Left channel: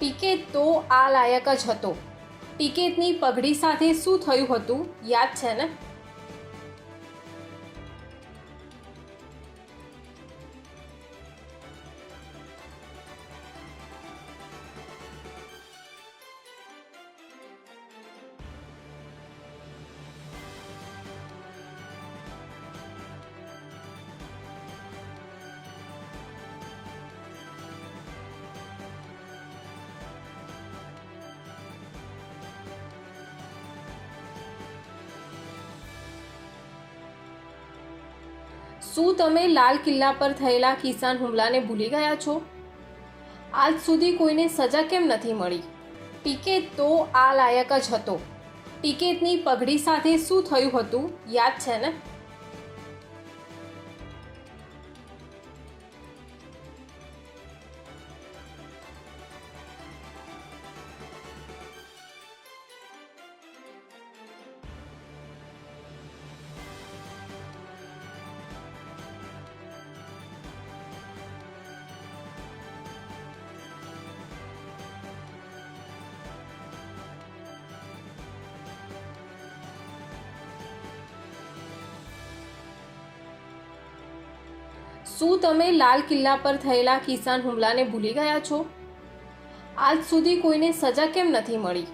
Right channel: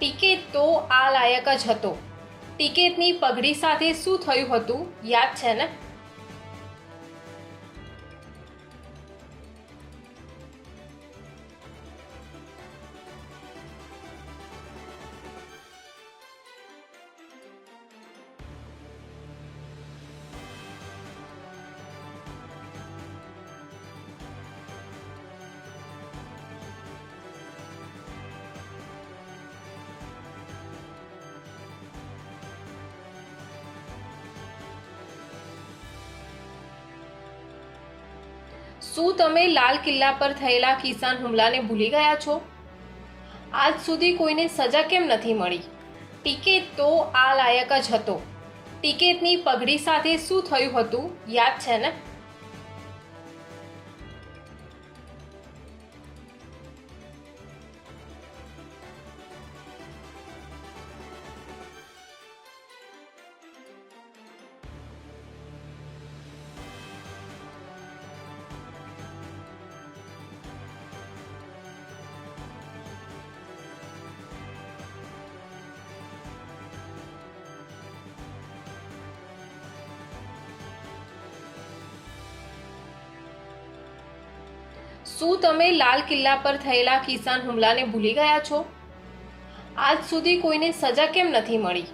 Ticket તો આ લાયક જ હતો. ટિકિટની પગડી સાથે શું થયું હતું યાદ છે ને? શું તમે લાલ કિલ્લા પર થયેલા કિસાન હુમલાને ભૂલી ગયા છો? આજ સુધી કોઈને સજા કેમ નથી મળી? ટિકિટ તો આ લાયક જ હતો. ટિકિટની પગડી સાથે શું થયું હતું યાદ છે ને? શું તમે લાલ કિલ્લા પર થયેલા કિસાન હુમલાને ભૂલી ગયા છો? આજ સુધી કોઈને સજા કેમ નથી મળી?